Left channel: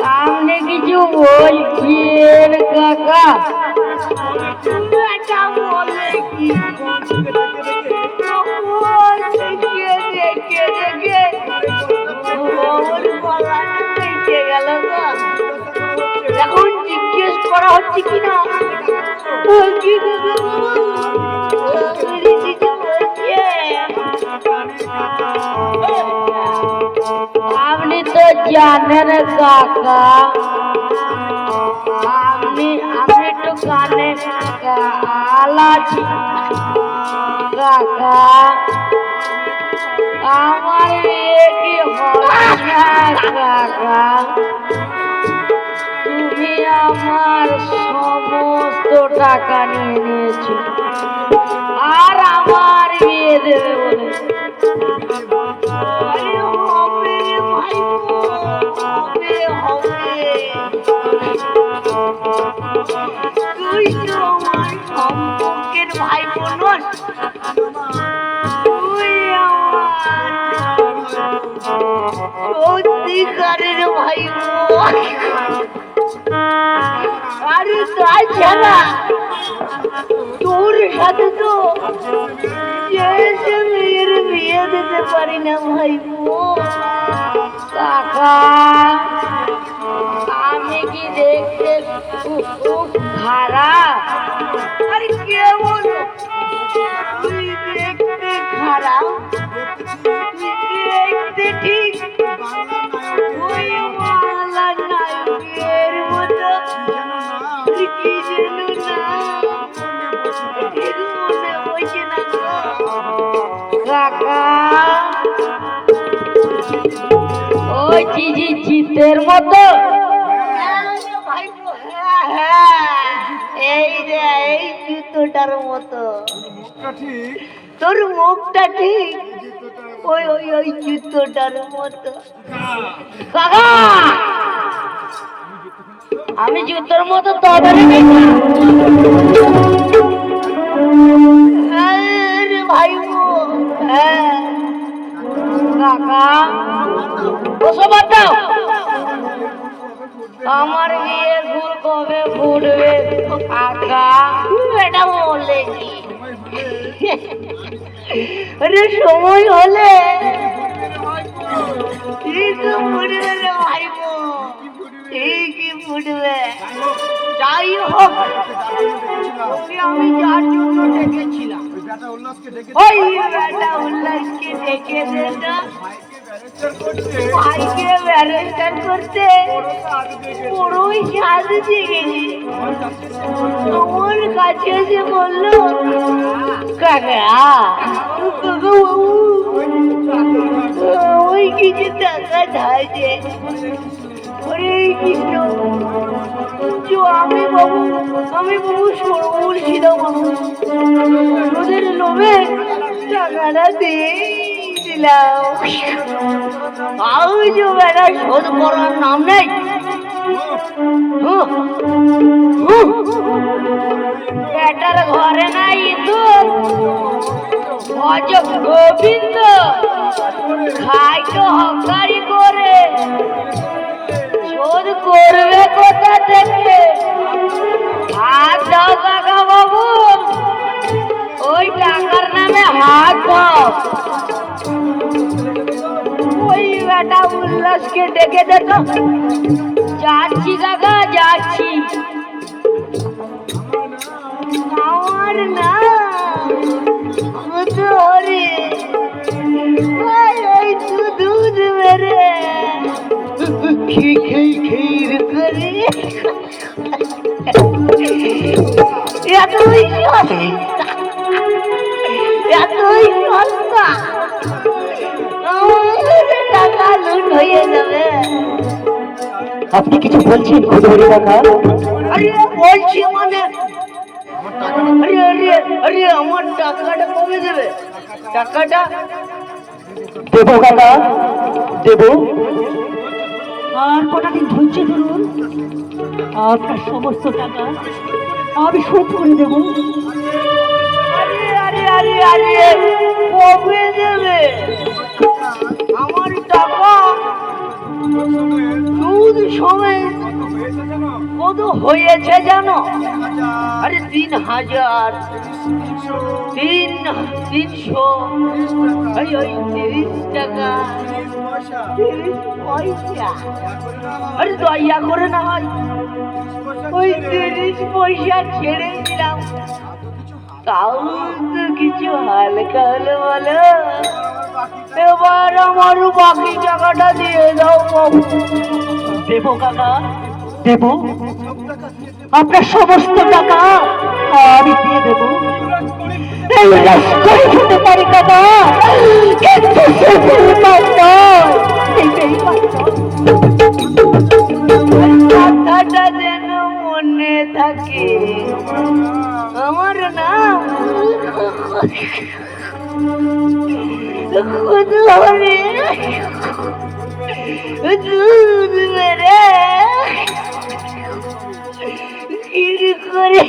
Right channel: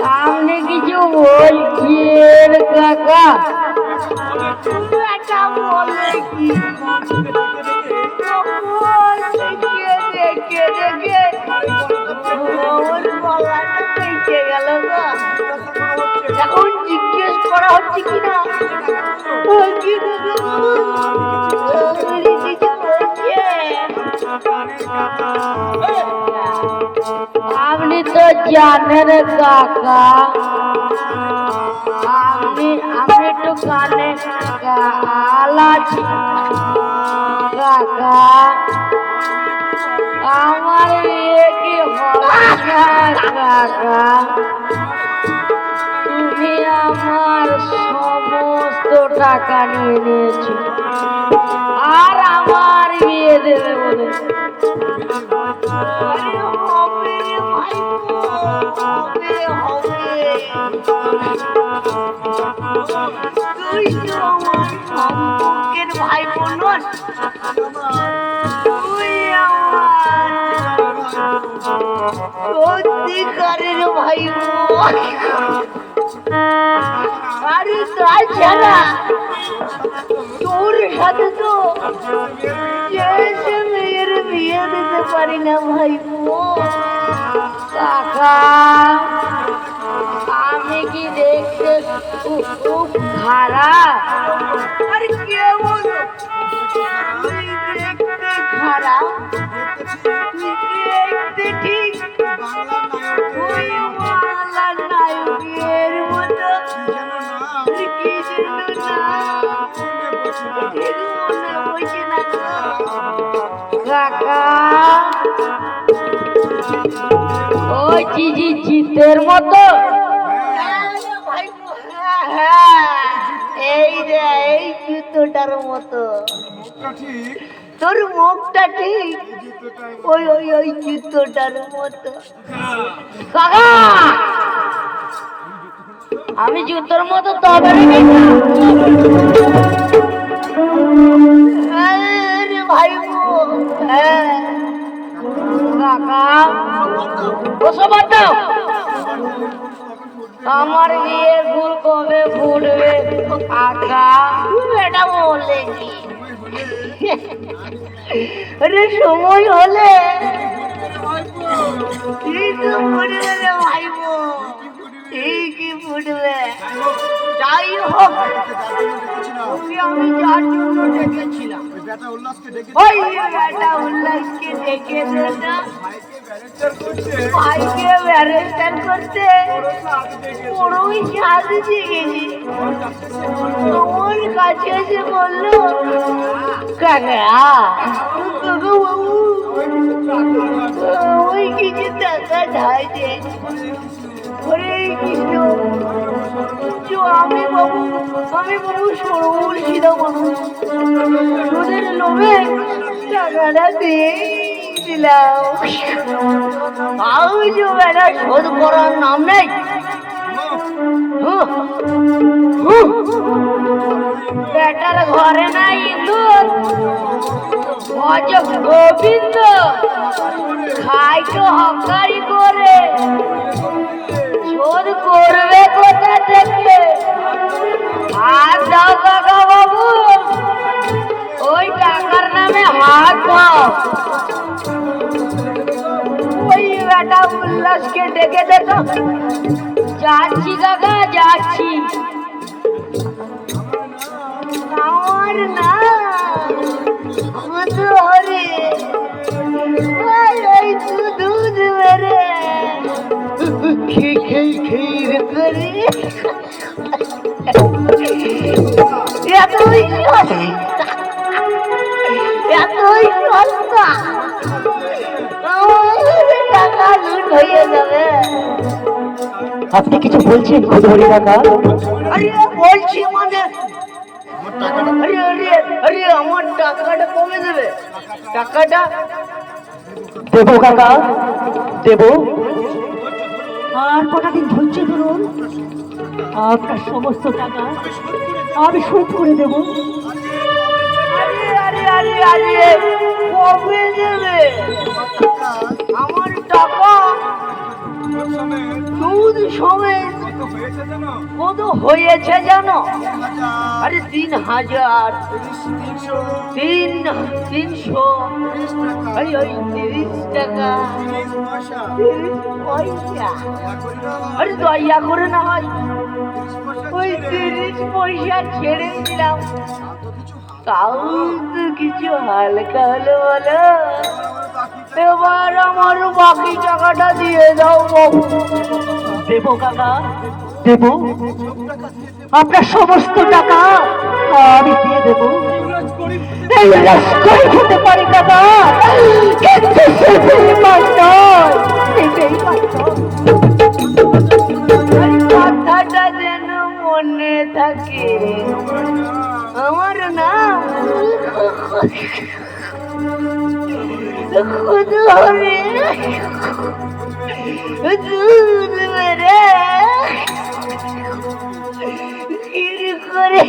সামনে কিছু বলছেন কাকা? এখন জিজ্ঞেস করা হচ্ছে কিনা আপনি তো জানেন কাকা, আমি একটু কানে আলাছি কাকা, আমার বিয়ে কি হবে না কাকা? তুমি আমার সমস্ত টাকা নিয়ে নিয়েছো আর আমার বিয়ে দেবে বলে। ভাই বোন তুই আমার সত্যিকারের ভাই বোন। আরে তাই ছাড়া তোর সাথে তো মেয়ের বিয়ে দিতে পারি না ভাই বোন। কাকা আমি কি দেখতে খুব খারাপ? আর কেমন তুই দেখতে খারাপ? দেখতে ঠিক ওই বাংলার নায়কের মতো কি যেন না বসে না কাকা, ওই চিতের মতো। এই রে এই জুতোটার মতো তোর মুখটা ঠিক ওই ওই ওই জুতোটার মতো। কাকা আমি জুতোর মতো তবে ভাই হ্যাঁ কাকা ওসব দাও। আমার বিয়ে ফুল কবে ফুটবে কাকা? এটা বলেছি সময় হলে ঠিক ফুটবে রে ভাই বোন, ঠিকই ফুটবে। যাই হোক আমি যার জন্য ডেকেছিলাম ওই বেটা উল্লাসকে ডেকে দে না, ভাইকে ব্যারেস্টার করতে বড়ই সাজ জেগেছি। তোমার কাছে এসে বললো কাকা ওই কিছু টাকা ধাইছে আমি বাবু সরুর ছিলাম ওদের লোভে টাকাটা দিয়ে দিলাম। আমি যে বেটা শোধ করার নাম নেই। বেটার ঘরে নাই ইঁদুর ভজ গোবিন্দ খাই তো হকারি করে, শোধ করবে কোথা থেকে? হাত দাও কাকা বাবু, ওই টাকার নামে হাত দাও। ওই বেটা উল্লাসকে ডেকে দে তো। যাচ্ছি কাকা যাচ্ছি। আমার না ধরে দুধ মেরে ক্ষীর করে এতই সস্তা টাকা লুট হয়ে যাবে। আপনি কিছু বলছেন খুদুরি কাকা? আরে বলছি মানে আরে আমার টাকাটা কবে দেবে? টাকাটা দেবো কাকা দেবো। আর কটা দিন ধৈর্য ধরুন, আপনার সমস্ত টাকা আমি শোধ করে দেবো। আরে আরে আরে আরে কবে দেবে আমার টাকা? সুদ সমেত কত হয়েছে জানো? আরে 3000, 300, ওই 30 টাকা, 30 পয়সা। আরে দয়া করে না ভাই, ওই 30 পয়সা ছেড়ে দিলাম, তাও তো কিছু হালকা হলো বলো। এবার আমার বাকি টাকাটা দিয়ে দাও বাবু। দেবো কাকা, দেবো, আপনার সমস্ত টাকা আমি দিয়ে দেবো। এই লস্করি হতে পারি কাকা, কিন্তু সে বেঈমান নয়, সে বেঈমান নয়। ওই কথাটা যেন মনে থাকে, আমার নাম খুদরে দুধ মেরে ক্ষীর করে